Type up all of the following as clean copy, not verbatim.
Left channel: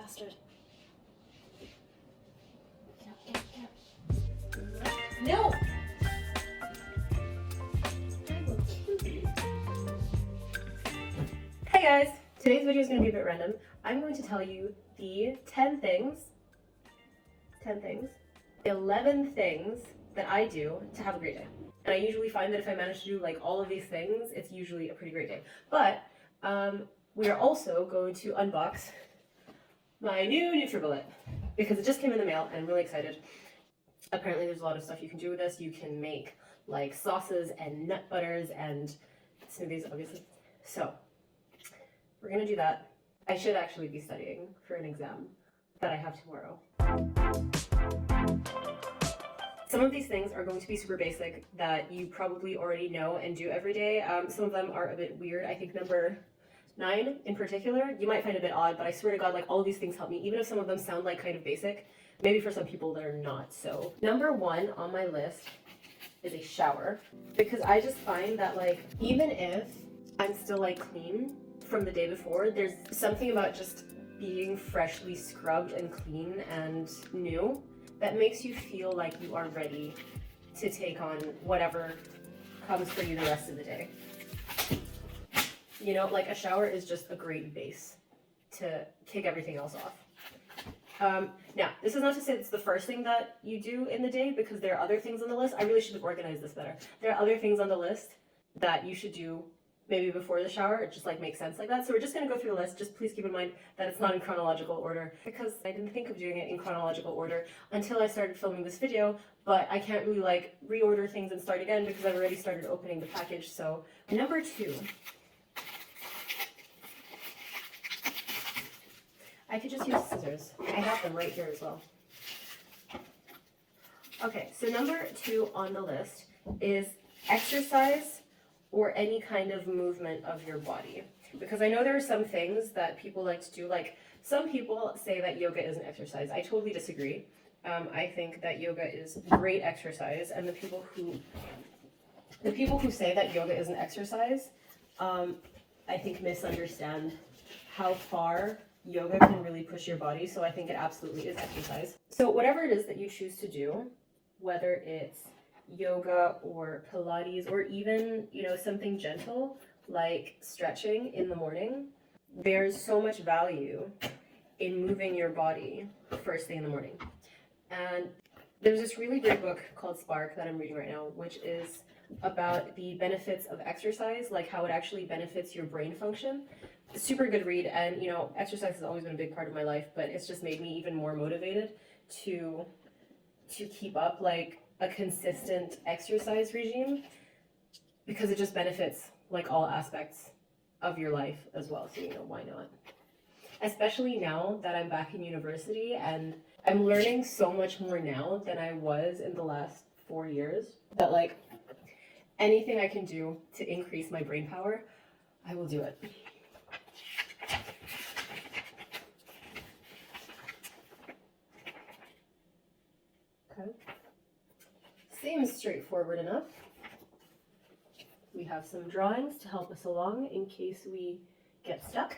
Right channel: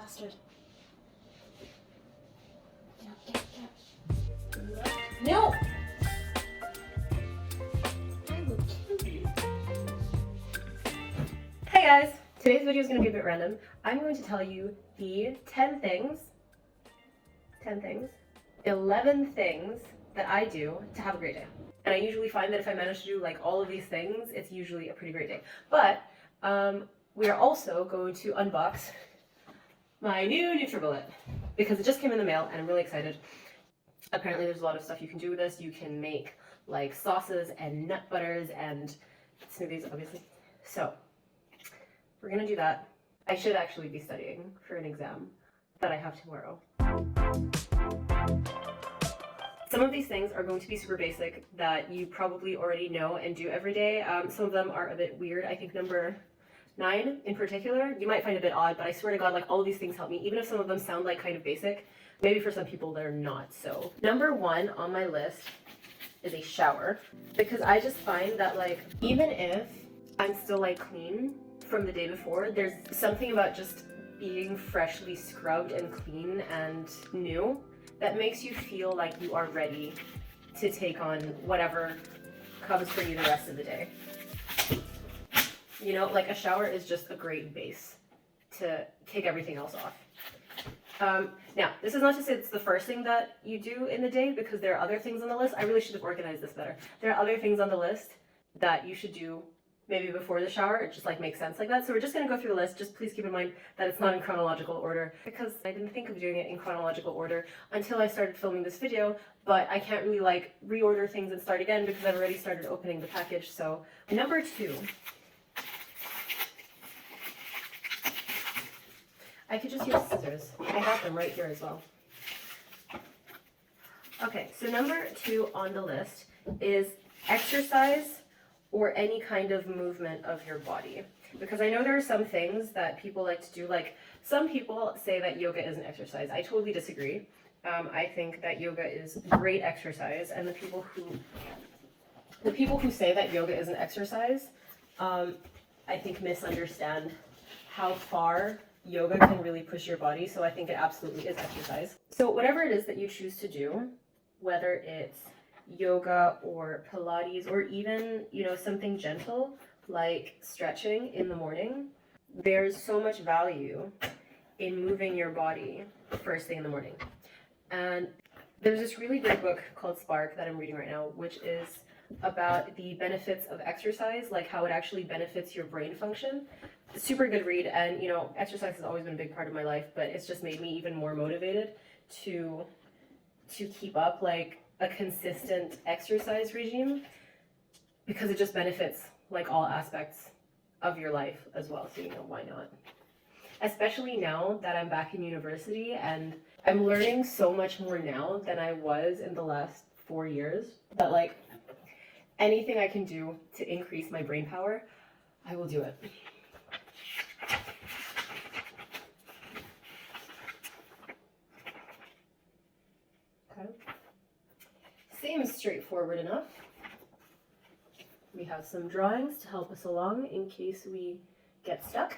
bastard. Get. No! Hey guys! Today's video is going to be a bit random. I'm going to tell you the 11 things that I do to have a great day. And I usually find that if I manage to do like all of these things, it's usually a pretty great day. But we are also going to unbox my new NutriBullet because it just came in the mail and I'm really excited. Apparently there's a lot of stuff you can do with this. You can make like sauces and nut butters and smoothies, obviously. So we're gonna do that. I should actually be studying for an exam that I have tomorrow. Some of these things are going to be super basic that you probably already know and do every day. Some of them are a bit weird. I think number 9 in particular, you might find a bit odd, but I swear to God, like all of these things help me, even if some of them sound like kind of basic. Maybe for some people they're not. So number 1 on my list is a shower, because I just find that like even if I'm still like clean from the day before, there's something about just being freshly scrubbed and clean and new that makes you feel like you are ready to take on whatever comes for you the rest of the day. You know, like a shower is just a great base to kick everything else off. Now, this is not to say it's the first thing that you do in the day, because there are other things on the list. I really should have organized this better. There are other things on the list that you should do maybe before the shower. It just like makes sense like that. So we're just going to go through the list. Just please keep in mind that it's not in chronological order, because I didn't think of doing it in chronological order until I started filming this video, but I can't really like reorder things and start again because I've already started opening the package. So number 2, I could just use scissors. I have them right here as well. Okay, so number 2 on the list is exercise or any kind of movement of your body. Because I know there are some things that people like to do, like some people say that yoga is an exercise. I totally disagree. I think that yoga is great exercise, and the people who say that yoga is an exercise, I think misunderstand how far yoga can really push your body. So I think it absolutely is exercise. So whatever it is that you choose to do, whether it's yoga or Pilates or even, you know, something gentle like stretching in the morning, there's so much value in moving your body first thing in the morning. And there's this really great book called Spark that I'm reading right now, which is about the benefits of exercise, like how it actually benefits your brain function. It's a super good read, and you know, exercise has always been a big part of my life, but it's just made me even more motivated to keep up like a consistent exercise regime, because it just benefits like all aspects of your life as well. So, you know, why not? Especially now that I'm back in university and I'm learning so much more now than I was in the last 4 years, that like anything I can do to increase my brain power, I will do it. Okay. Seems straightforward enough. We have some drawings to help us along in case we get stuck.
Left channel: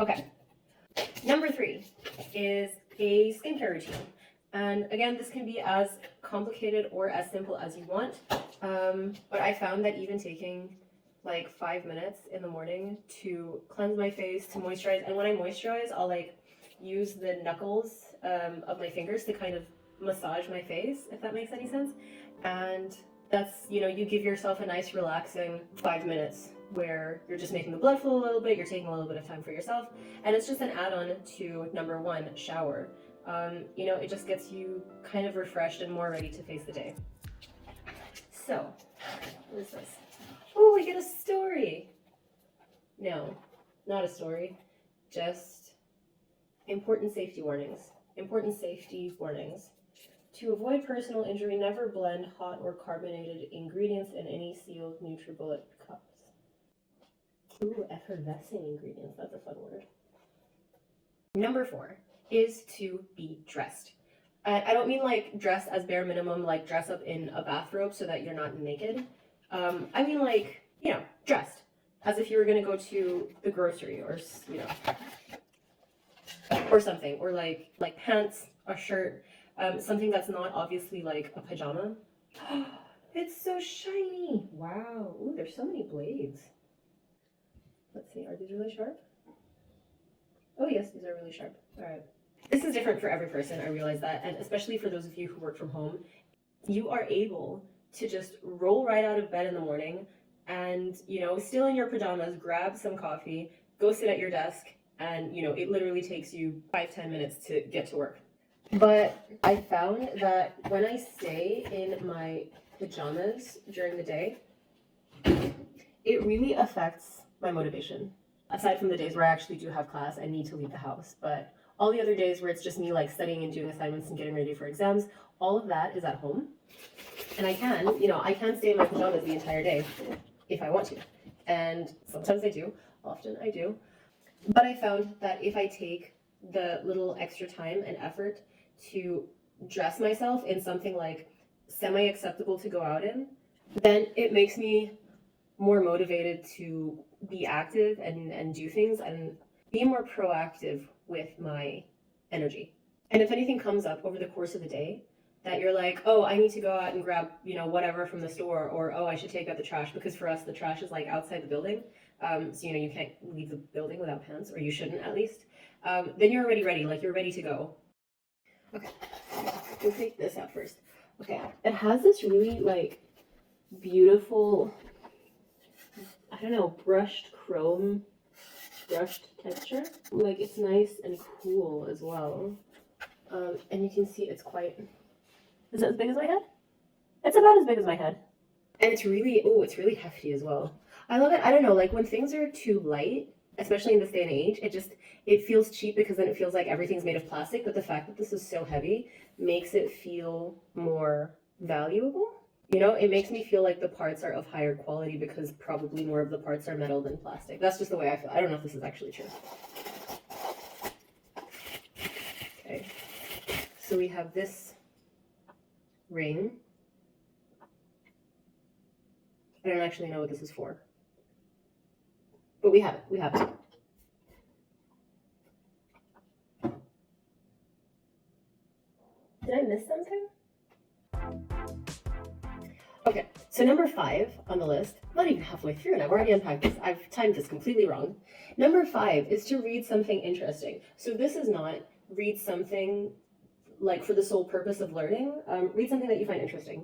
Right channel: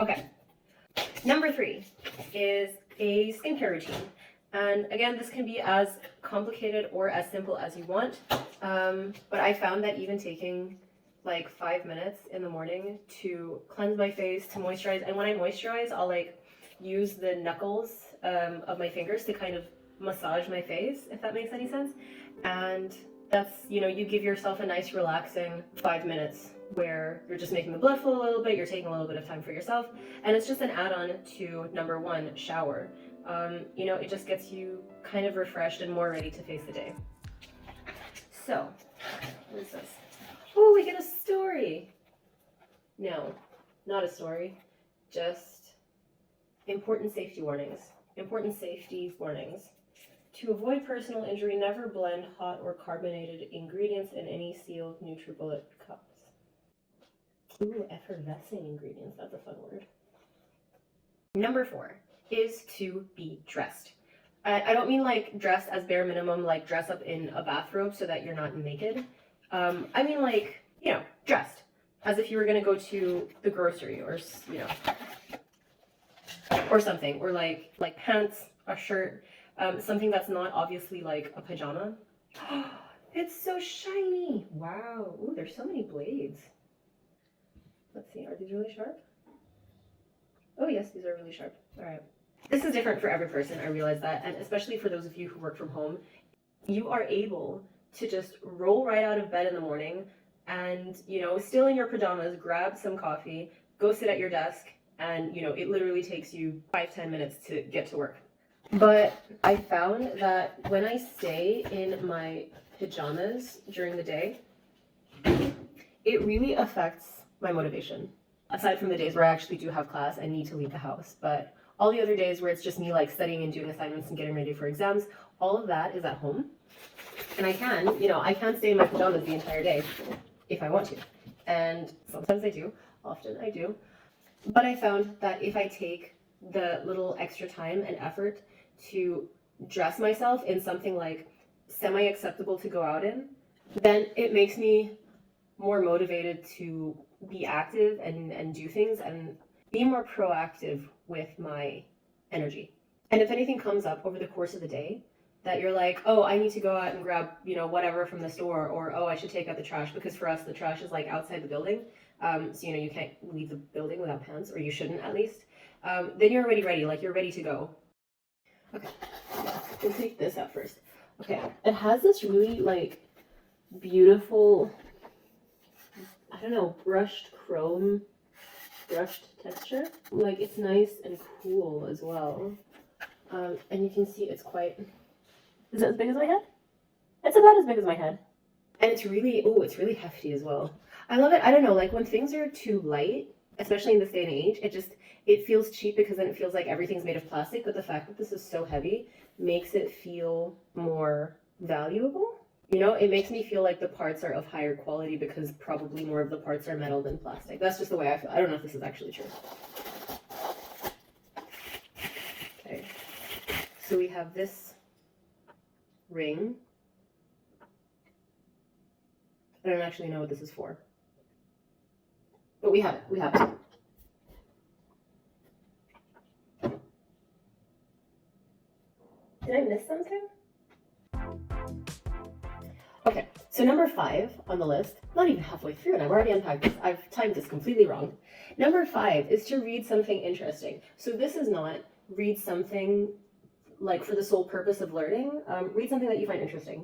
Okay. Number 3 is a skincare routine. And again, this can be as complicated or as simple as you want. But I found that even taking like 5 minutes in the morning to cleanse my face, to moisturize, and when I moisturize, I'll like use the knuckles of my fingers to kind of massage my face, if that makes any sense. And that's, you know, you give yourself a nice relaxing 5 minutes where you're just making the blood flow a little bit, you're taking a little bit of time for yourself, and it's just an add-on to number 1, shower. You know, it just gets you kind of refreshed and more ready to face the day. So, what is this? Oh, we get a story. No, not a story, just important safety warnings. Important safety warnings. To avoid personal injury, never blend hot or carbonated ingredients in any sealed NutriBullet cups. Ooh, effervescing ingredients, that's a fun word. Number 4 is to be dressed. I don't mean like dressed as bare minimum, like dress up in a bathrobe so that you're not naked. I mean like, you know, dressed as if you were going to go to the grocery or, you know. or something, or like pants, a shirt, something that's not obviously like a pajama. It's so shiny. Wow. Ooh, there's so many blades. Let's see, are these really sharp? Oh yes, these are really sharp. All right. This is different for every person, I realize that, and especially for those of you who work from home, you are able to just roll right out of bed in the morning and, you know, still in your pajamas, grab some coffee, go sit at your desk, and, you know, it literally takes you 5-10 minutes to get to work. But I found that when I stay in my pajamas during the day, it really affects my motivation. Aside from the days where I actually do have class and need to leave the house, but all the other days where it's just me like studying and doing assignments and getting ready for exams, all of that is at home. And I can, you know, I can stay in my pajamas the entire day if I want to. And sometimes I do, often I do. But I found that if I take the little extra time and effort to dress myself in something like semi-acceptable to go out in, then it makes me more motivated to be active and do things and be more proactive with my energy. And if anything comes up over the course of the day that you're like, oh, I need to go out and grab, you know, whatever from the store, or oh, I should take out the trash, because for us the trash is like outside the building, so you know you can't leave the building without pants, or you shouldn't at least. Then you're already ready, like you're ready to go. Okay, we'll take this out first. Okay, it has this really like beautiful, I don't know, brushed texture. Like it's nice and cool as well. And you can see it's quite, is it as big as my head? It's about as big as my head. And it's really, oh, it's really hefty as well. I love it. I don't know, like when things are too light, especially in this day and age, it feels cheap because then it feels like everything's made of plastic, but the fact that this is so heavy makes it feel more valuable. You know, it makes me feel like the parts are of higher quality because probably more of the parts are metal than plastic. That's just the way I feel. I don't know if this is actually true. Okay. So we have this ring. I don't actually know what this is for. But we have it. We have it. Did I miss something? Okay, so number 5 on the list, not even halfway through, and I've already unpacked this. I've timed this completely wrong. Number 5 is to read something interesting. So this is not read something like for the sole purpose of learning. Read something that you find interesting.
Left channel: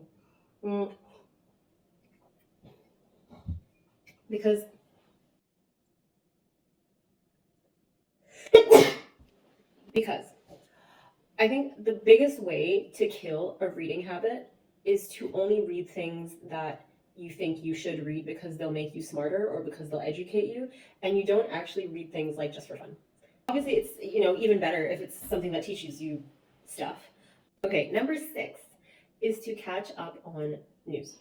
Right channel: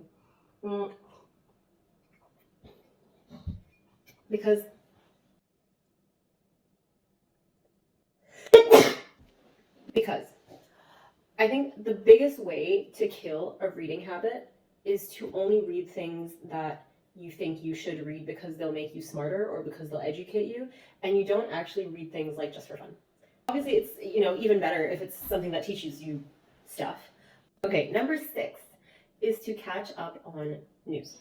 Because I think the biggest way to kill a reading habit is to only read things that you think you should read because they'll make you smarter or because they'll educate you, and you don't actually read things like just for fun. Obviously, it's, you know, even better if it's something that teaches you stuff. Okay, number 6 is to catch up on news.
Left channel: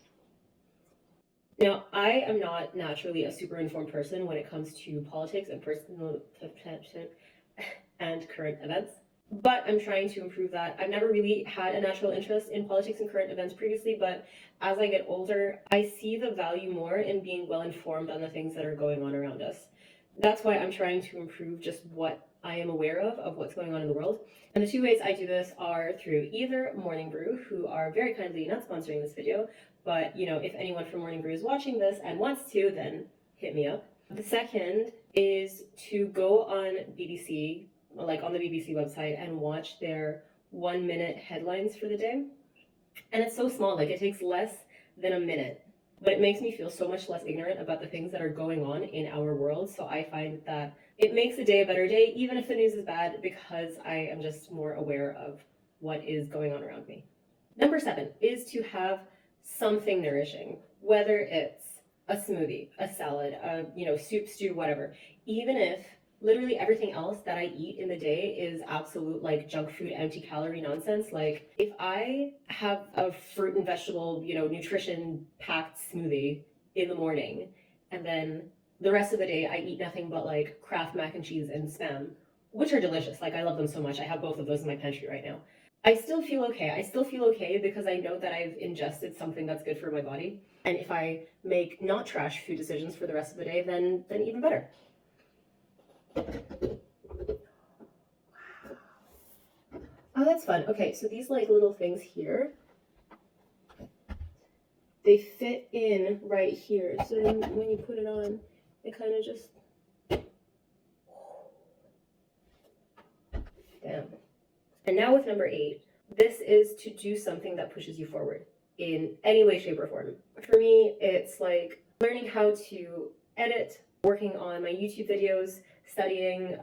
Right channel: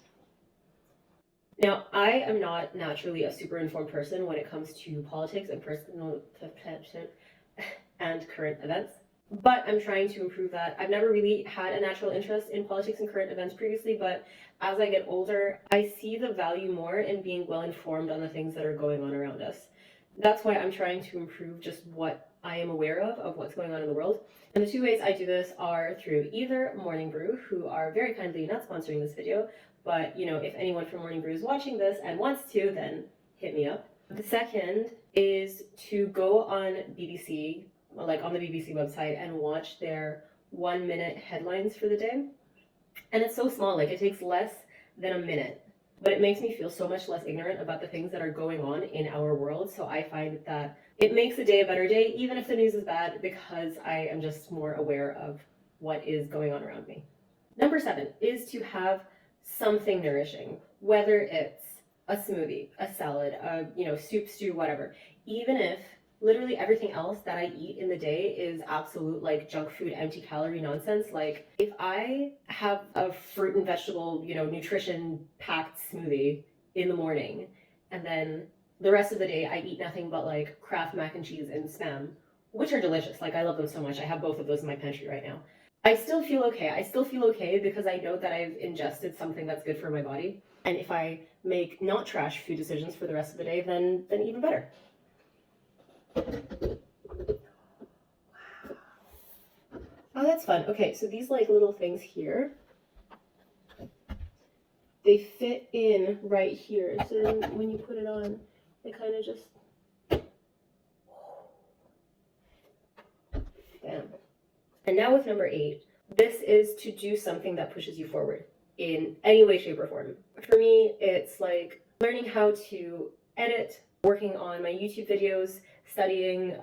Now, I am not naturally a super informed person when it comes to politics and personal and current events, but I'm trying to improve that. I've never really had a natural interest in politics and current events previously, but as I get older, I see the value more in being well informed on the things that are going on around us. That's why I'm trying to improve just what I am aware of what's going on in the world. And the 2 ways I do this are through either Morning Brew, who are very kindly not sponsoring this video, but you know, if anyone from Morning Brew is watching this and wants to, then hit me up. The second is to go on BBC, like on the BBC website, and watch their 1-minute headlines for the day. And it's so small, like it takes less than a minute, but it makes me feel so much less ignorant about the things that are going on in our world. So I find that it makes the day a better day, even if the news is bad, because I am just more aware of what is going on around me. Number 7 is to have something nourishing, whether it's a smoothie, a salad, a, you know, soup, stew, whatever. Even if literally everything else that I eat in the day is absolute like junk food, empty calorie nonsense. Like if I have a fruit and vegetable, you know, nutrition packed smoothie in the morning, and then the rest of the day I eat nothing but like Kraft mac and cheese and Spam, which are delicious. Like I love them so much. I have both of those in my pantry right now. I still feel okay. I still feel okay because I know that I've ingested something that's good for my body. And if I make not trash food decisions for the rest of the day, then even better. Wow. that's fun. Okay, so these like little things here, they fit in right here. So then when you put it on, it kind of just, damn. And now with number 8, this is to do something that pushes you forward in any way, shape, or form. For me, it's like learning how to edit, working on my YouTube videos, studying,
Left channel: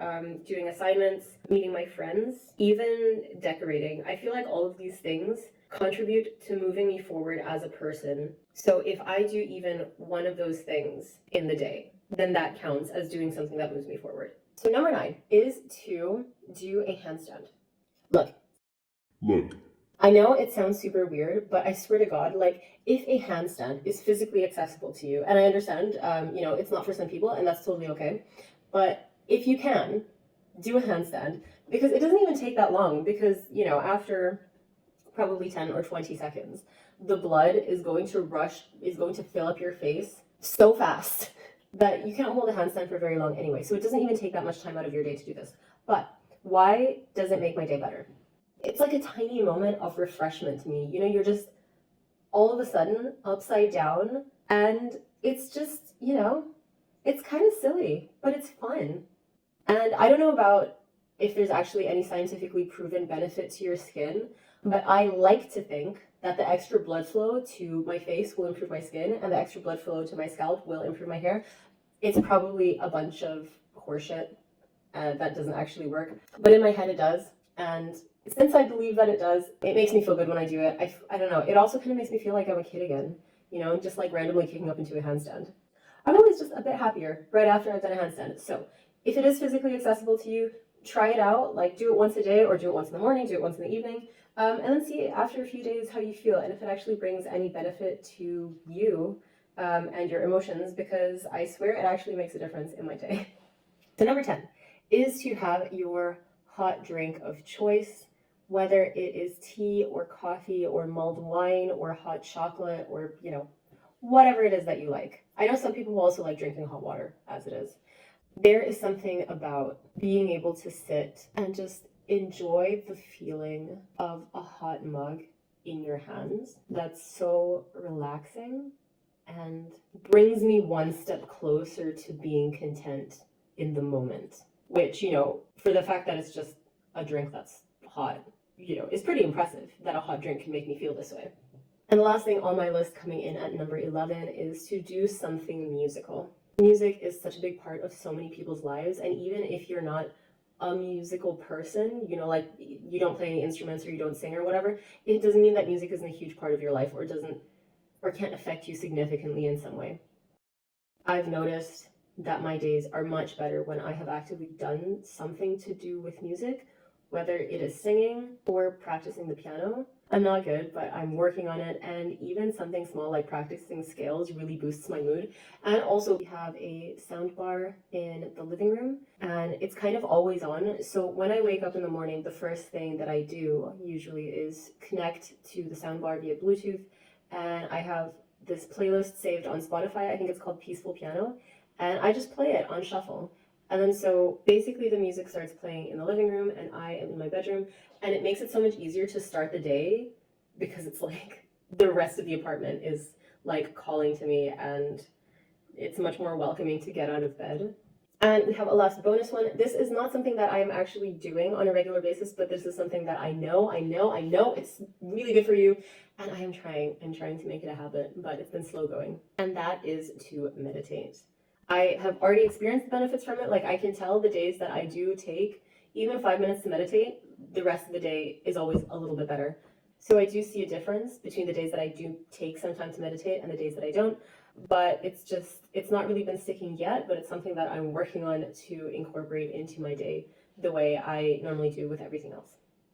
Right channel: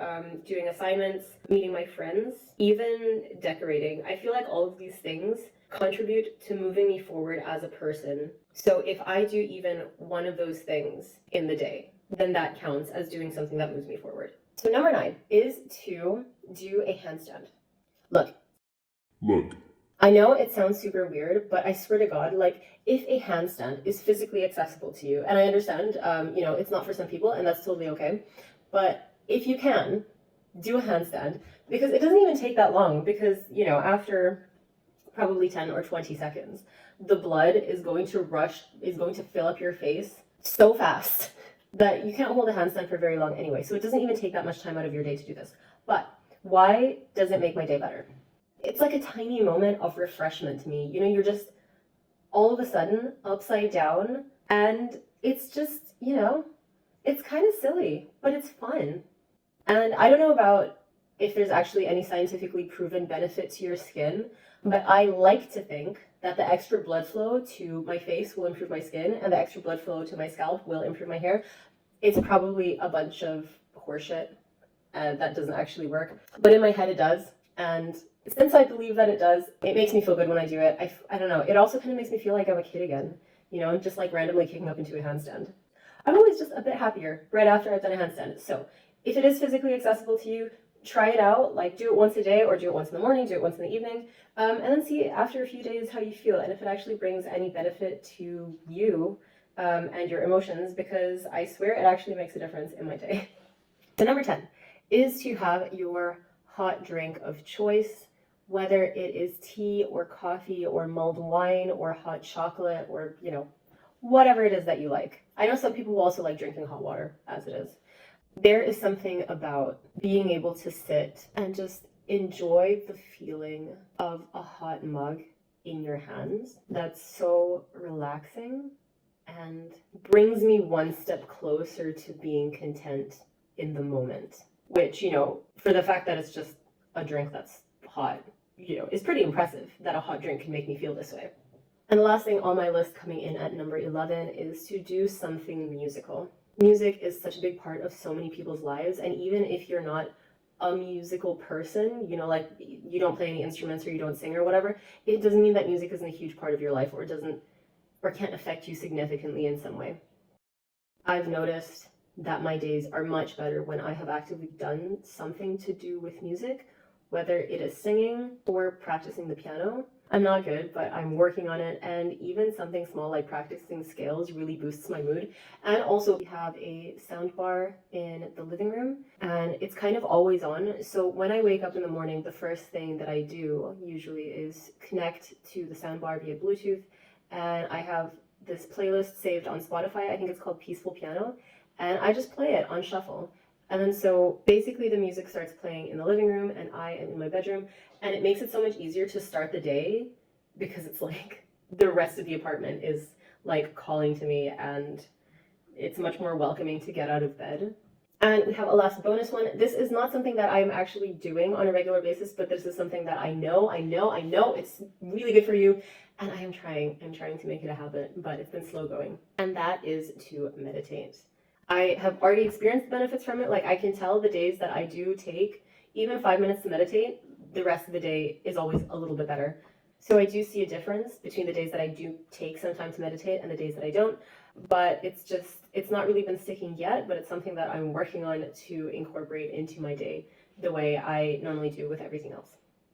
doing assignments, meeting my friends, even decorating. I feel like all of these things contribute to moving me forward as a person. So if I do even one of those things in the day, then that counts as doing something that moves me forward. So number 9 is to do a handstand. Look. I know it sounds super weird, but I swear to God, like, if a handstand is physically accessible to you, and I understand, it's not for some people, and that's totally okay, but if you can, do a handstand, because it doesn't even take that long, because, after probably 10 or 20 seconds, the blood is going to fill up your face so fast that you can't hold a handstand for very long anyway, so it doesn't even take that much time out of your day to do this. But why does it make my day better? It's like a tiny moment of refreshment to me. You're just all of a sudden upside down, and it's just, it's kind of silly, but it's fun. And I don't know about if there's actually any scientifically proven benefit to your skin, but I like to think that the extra blood flow to my face will improve my skin, and the extra blood flow to my scalp will improve my hair. It's probably a bunch of horseshit, and that doesn't actually work. But in my head it does, and since I believe that it does, it makes me feel good when I do it. I don't know, it also kind of makes me feel like I'm a kid again, just like randomly kicking up into a handstand. I'm always just a bit happier right after I've done a handstand. So if it is physically accessible to you, try it out, like do it once a day, or do it once in the morning, do it once in the evening, and then see after a few days how you feel, and if it actually brings any benefit to you and your emotions, because I swear it actually makes a difference in my day. So number 10 is to have your hot drink of choice, whether it is tea or coffee or mulled wine or hot chocolate or, whatever it is that you like. I know some people will also like drinking hot water as it is. There is something about being able to sit and just enjoy the feeling of a hot mug in your hands that's so relaxing and brings me one step closer to being content in the moment, which, for the fact that it's just a drink that's hot, is pretty impressive that a hot drink can make me feel this way. And the last thing on my list, coming in at number 11, is to do something musical. Music is such a big part of so many people's lives, and even if you're not a musical person, like you don't play any instruments or you don't sing or whatever, it doesn't mean that music isn't a huge part of your life or can't affect you significantly in some way. I've noticed that my days are much better when I have actively done something to do with music, whether it is singing or practicing the piano. I'm not good, but I'm working on it, and even something small like practicing scales really boosts my mood. And also we have a sound bar in the living room, and it's kind of always on. So when I wake up in the morning, the first thing that I do usually is connect to the sound bar via Bluetooth, and I have this playlist saved on Spotify. I think it's called Peaceful Piano, and I just play it on shuffle. And then so basically the music starts playing in the living room and I am in my bedroom, and it makes it so much easier to start the day because it's like the rest of the apartment is like calling to me, and it's much more welcoming to get out of bed. And we have a last bonus one. This is not something that I'm actually doing on a regular basis, but this is something that I know it's really good for you, and I'm trying to make it a habit, but it's been slow going. And that is to meditate. I have already experienced the benefits from it. Like, I can tell the days that I do take even 5 minutes to meditate, the rest of the day is always a little bit better. So I do see a difference between the days that I do take some time to meditate and the days that I don't. But it's not really been sticking yet, but it's something that I'm working on to incorporate into my day the way I normally do with everything else.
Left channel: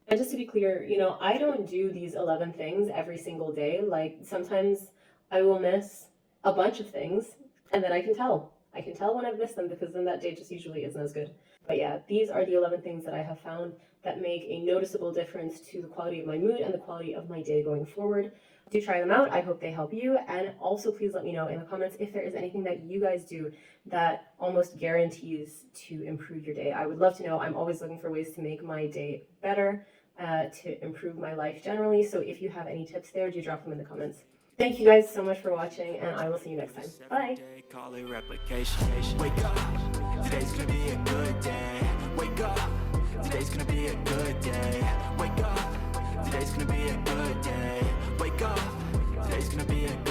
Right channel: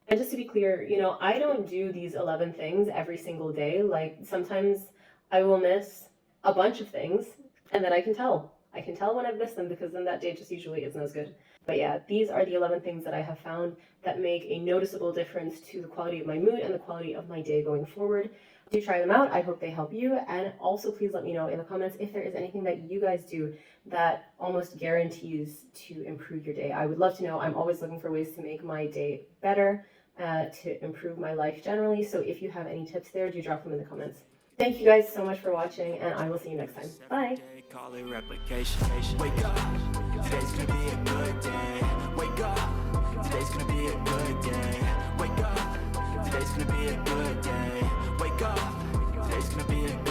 And just to be clear, I don't do these 11 things every single day. Like, sometimes I will miss a bunch of things, and then I can tell when I've missed them, because then that day just usually isn't as good. But yeah, these are the 11 things that I have found that make a noticeable difference to the quality of my mood and the quality of my day going forward. Do try them out. I hope they help you. And also please let me know in the comments if there is anything that you guys do that almost guarantees to improve your day. I would love to know. I'm always looking for ways to make my day better. to improve my life generally. So if you have any tips there, do drop them in the comments. Thank you guys so much for watching, and I will see you next time. Bye. Call it replication. Wake up, today's gonna be a good day. Wake up, today's gonna be a good day. Wake up, today's gonna be a good day. Wake up, today's gonna be a